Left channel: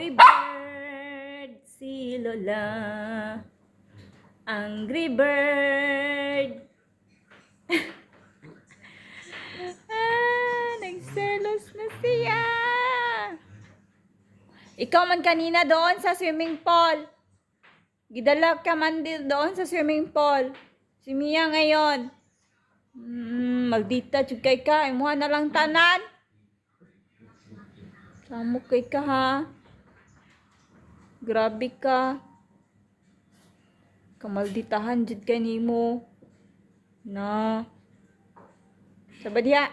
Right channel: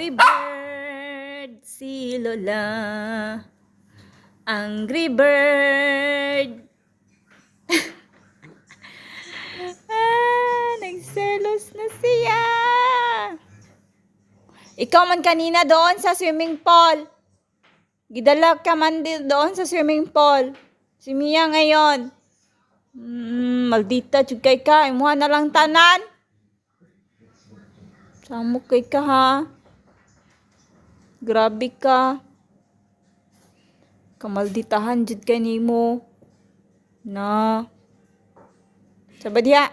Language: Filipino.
Angry bird, si Lola. Angry bird. Nagselos na siya. Ikaw man kanina doon sa swimming pool. Gidala ka man doon sa swimming pool. Si Mia ngayon. Maldita jud kay ka. Imuha na lang tanan. Samok kay ka ha. Grabe ka. Kamalditahan jud kay nimo. Na. Sabad diha.